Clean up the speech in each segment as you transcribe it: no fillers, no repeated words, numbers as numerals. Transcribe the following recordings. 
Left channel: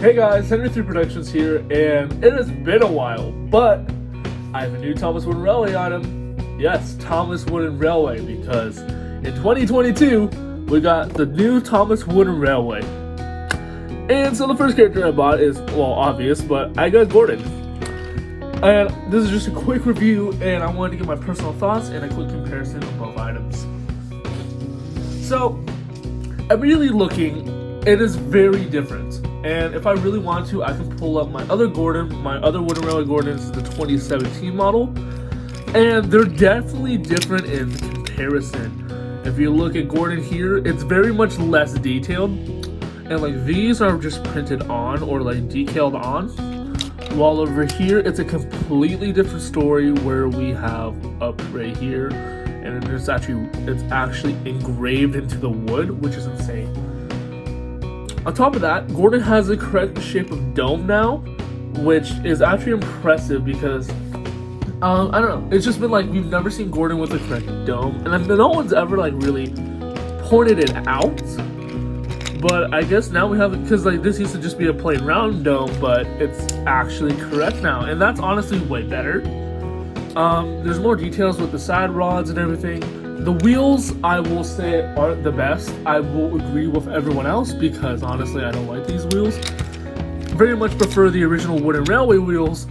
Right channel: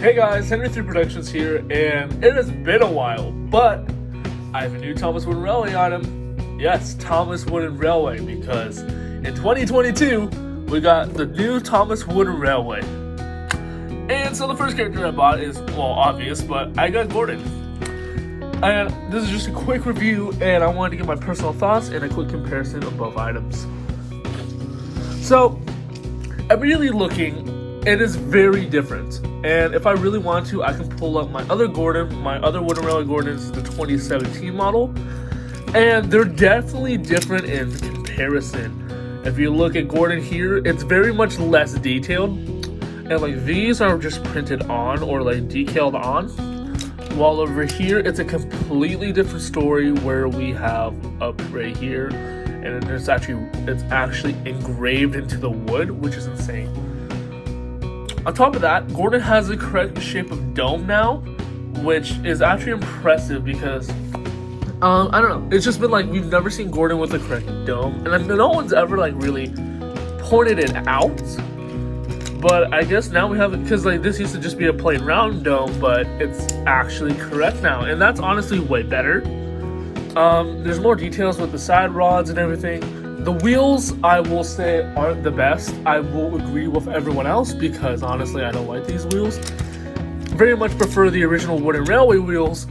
Hey guys, Henry 3 Productions here, and it has been a while, but I have a new Thomas Wooden Railway item. Yes, Thomas Wooden Railway, because in 2022, we got the new Thomas Wooden Railway. And so the first character I bought is, well, obvious, but I got Gordon. And this is just a quick review, and I wanted to give my personal thoughts and a quick comparison of both items. So, immediately looking, it is very different. And if I really want to, I can pull up my other Gordon, my other Wooden Railway Gordons, the 2017 model. And they're definitely different in comparison. If you look at Gordon here, it's very much less detailed. And like these are just printed on or like decaled on. While over here, it's a completely different story where we have up right here. And it's actually engraved into the wood, which is insane. On top of that, Gordon has the correct shape of dome now, which is actually impressive because, I don't know, it's just been like, we've never seen Gordon with the correct dome, and then no one's ever like really pointed it out, but I guess now we have it, because like this used to just be a plain round dome, but it's actually correct now, and that's honestly way better. There's more details with the side rods and everything. The wheels, I will say, aren't the best. I will agree with everyone else because honestly, I don't like these wheels. Very much prefer the original Wooden Railway wheels,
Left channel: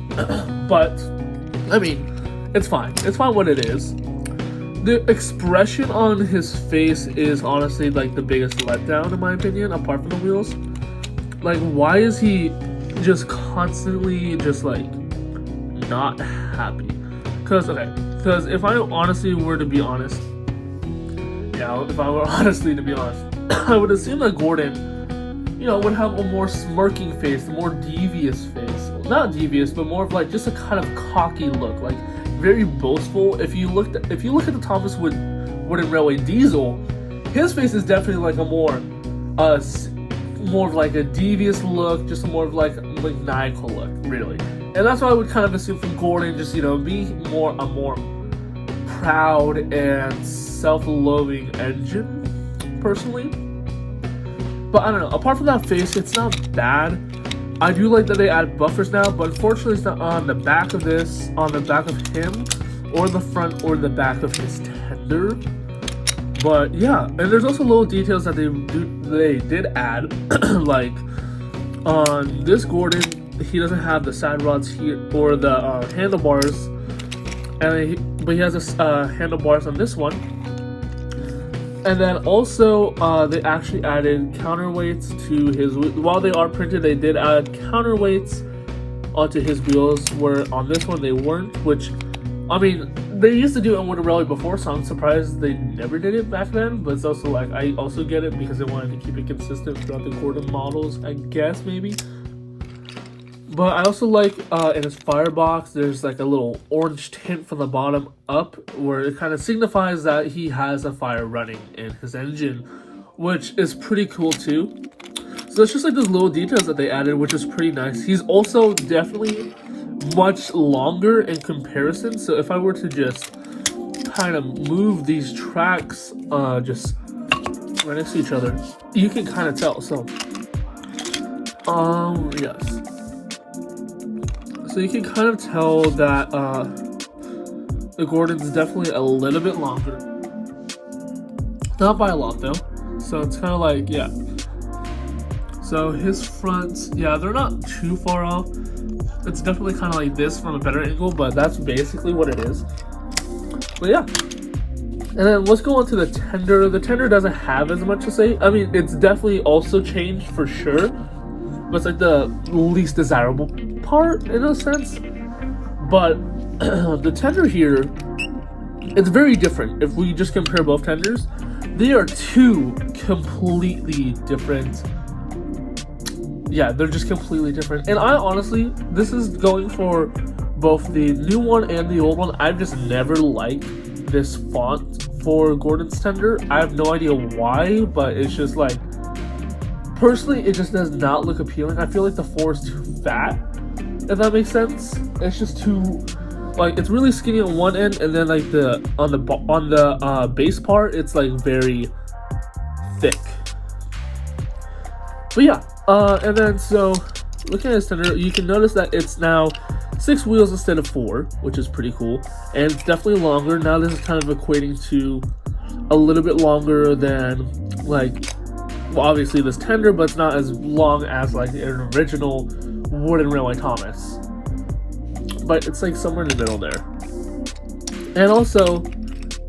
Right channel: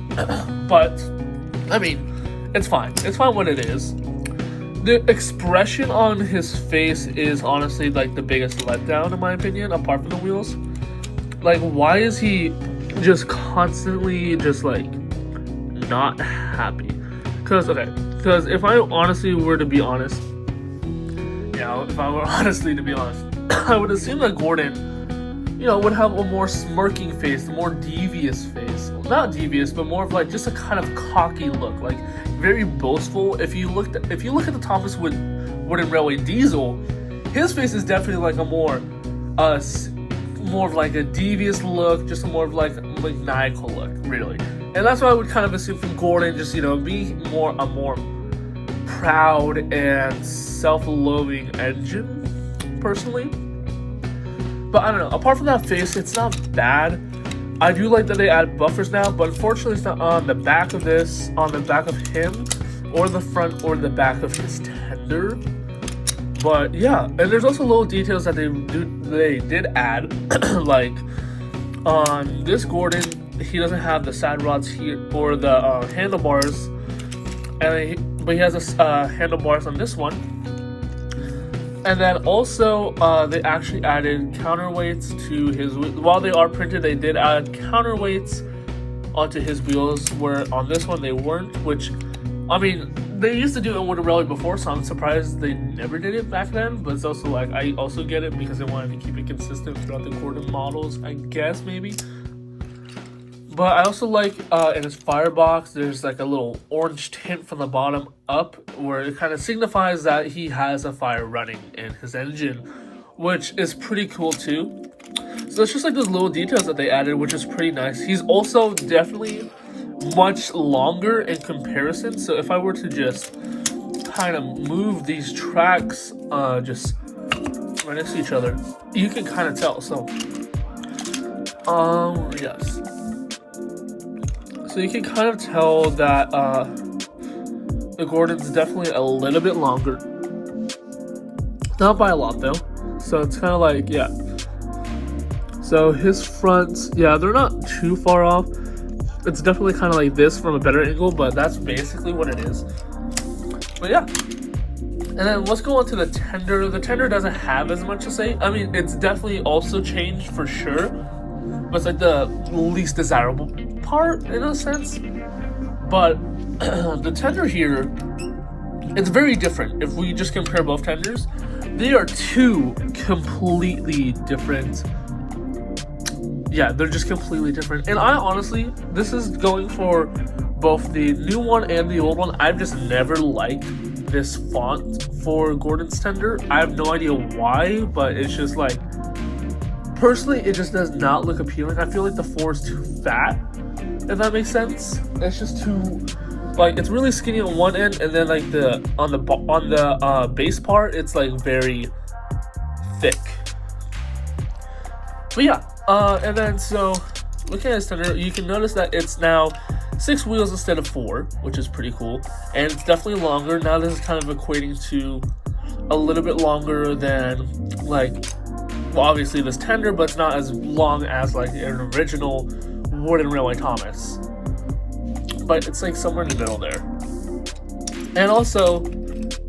but I mean, it's fine. It's fine what it is. The expression on his face is honestly like the biggest letdown in my opinion, apart from the wheels. Like, why is he just constantly just like not happy? Because if I honestly were to be honest, I would assume that Gordon, would have a more smirking face, a more devious face. Not devious, but more of like just a kind of cocky look, like very boastful. If you look at the Thomas Wooden Railway Diesel, his face is definitely like a more of like a devious look, just more of like maniacal look, really. And that's what I would kind of assume from Gordon, just be a more proud and self-loathing engine, personally. But I don't know, apart from that face, it's not bad. I do like that they add buffers now, but unfortunately it's not on the back of this, on the back of him, or the front or the back of his tender. But yeah, and there's also little details that they did add, like on this Gordon, he doesn't have the side rods here or the handlebars, but he has handlebars on this one. And then also, they actually added counterweights to his. While they are printed, they did add counterweights onto his wheels. Where on this one they weren't. Which, I mean, they used to do it in Wooden Railway before, so I'm surprised they never did it back then. But it's also like I also get it because they wanted to keep it consistent throughout the Gordon models, I guess maybe. But I also like in his firebox, there's like a little orange tint from the bottom up where it kind of signifies that he has a fire running in his engine, which is pretty cool too. So it's just like those little details that they added, which is pretty nice. He's also definitely much longer in comparison. So if I were to just kind of move these tracks just right next to each other, you can kind of tell. So, yes. So you can kind of tell that the Gordon's definitely a little bit longer. Not by a lot though. So it's kind of like, yeah. So his fronts, yeah, they're not too far off. It's definitely kind of like this from a better angle, but that's basically what it is. But yeah. And then let's go on to the tender. The tender doesn't have as much to say. I mean, it's definitely also changed for sure. But it's like the least desirable part in a sense. But the tender here, it's very different. If we just compare both tenders, they are two completely different. Yeah, they're just completely different. And I honestly, this is going for both the new one and the old one. I've just never liked this font for Gordon's tender. I have no idea why, but it's just like, personally, it just does not look appealing. I feel like the 4 is too fat, if that makes sense. It's just too, like, it's really skinny on one end, and then like on the base part, it's like very thick. But yeah, and then so looking at this tender, you can notice that it's now 6 wheels instead of 4, which is pretty cool. And it's definitely longer. Now this is kind of equating to a little bit longer than, like, well, obviously this tender, but it's not as long as like an original wooden railway Thomas. But it's like somewhere in the middle there. And also,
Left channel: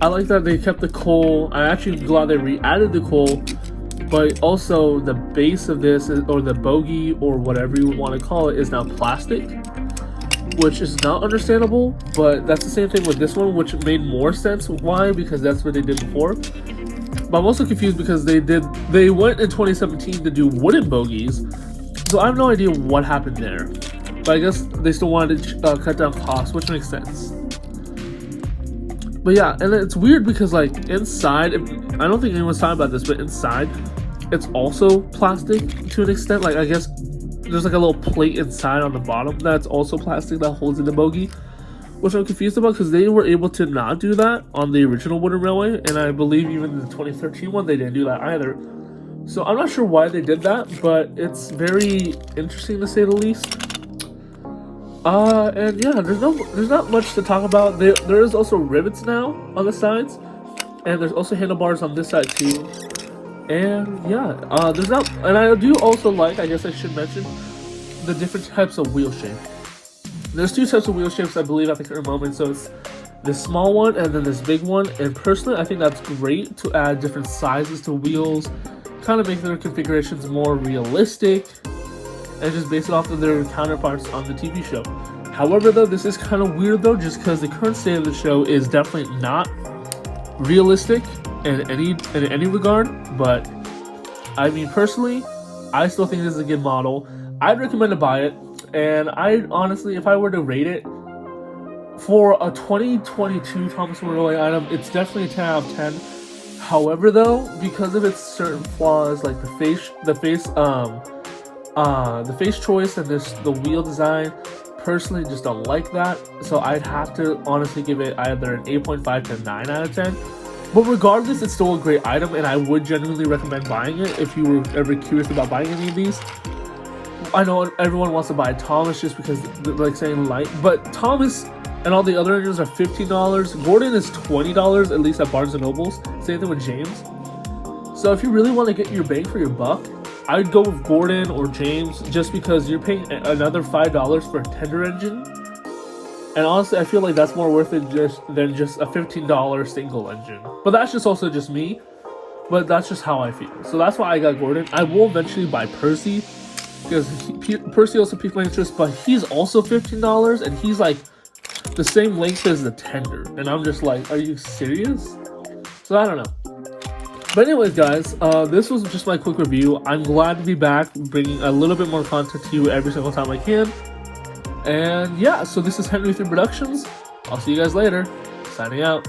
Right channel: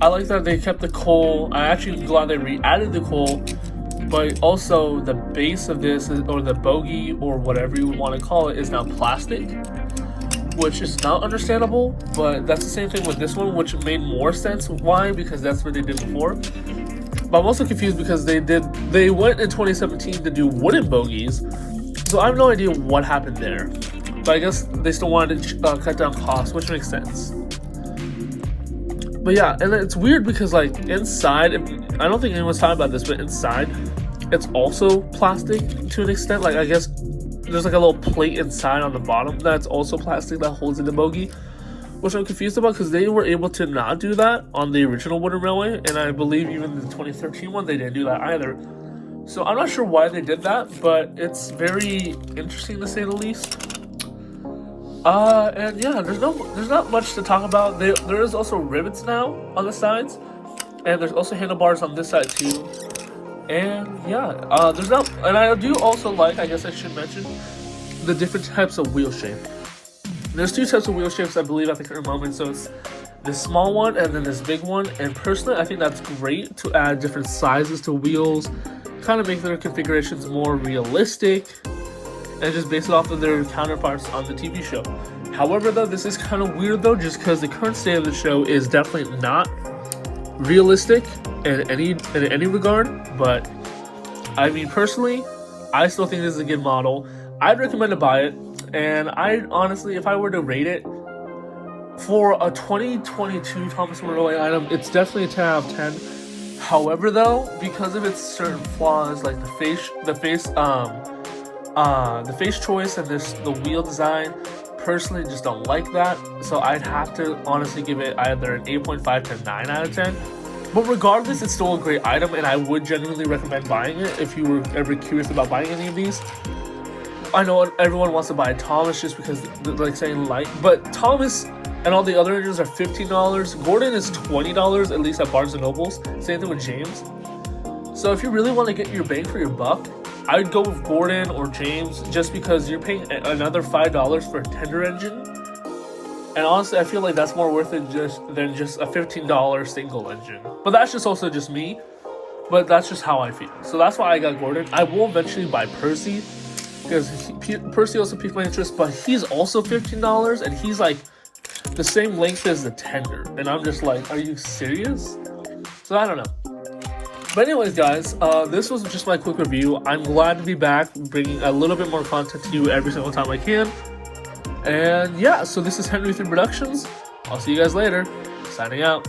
I like that they kept the coal. I actually glad they re-added the coal, but also the base of this, or the bogey, or whatever you want to call it, is now plastic, which is not understandable, but that's the same thing with this one, which made more sense. Why? Because that's what they did before. But I'm also confused because they went in 2017 to do wooden bogies, so I have no idea what happened there. But I guess they still wanted to cut down costs, which makes sense. But yeah, and it's weird because like inside, I don't think anyone's talking about this, but inside, it's also plastic to an extent. Like I guess there's like a little plate inside on the bottom that's also plastic that holds in the bogey, which I'm confused about because they were able to not do that on the original wooden railway, and I believe even the 2013 one they didn't do that either. So I'm not sure why they did that, but it's very interesting to say the least. And yeah, there's not much to talk about. There is also rivets now on the sides, and there's also handlebars on this side too. And yeah, and I do also like, I guess I should mention, the different types of wheel shape. There's 2 types of wheel shapes, I believe, at the current moment. So it's this small one and then this big one. And personally, I think that's great to add different sizes to wheels, kind of make their configurations more realistic, and just base it off of their counterparts on the TV show. However, though, this is kind of weird, though, just because the current state of the show is definitely not realistic in any regard. But I mean, personally, I still think this is a good model. I'd recommend to buy it, and I honestly, if I were to rate it for a 2022 Thomas Railway item, it's definitely a 10 out of 10. However, though, because of its certain flaws, like the face choice and the wheel design, personally just don't like that. So I'd have to honestly give it either an 8.5 to 9 out of 10. But regardless, it's still a great item, and I would genuinely recommend buying it if you were ever curious about buying any of these. I know everyone wants to buy Thomas just because they're like saying light, but Thomas and all the other engines are $15. Gordon is $20, at least at Barnes & Noble's. Same thing with James. So if you really want to get your bang for your buck, I'd go with Gordon or James, just because you're paying another $5 for a tender engine. And honestly, I feel like that's more worth it than just a $15 single engine. But that's just also just me. But that's just how I feel. So that's why I got Gordon. I will eventually buy Percy, because Percy also piqued my interest, but he's also $15, and he's like the same length as the tender. And I'm just like, are you serious? So I don't know. But anyways, guys, this was just my quick review. I'm glad to be back, bringing a little bit more content to you every single time I can. And yeah, so this is Henry 3 Productions. I'll see you guys later. Signing out.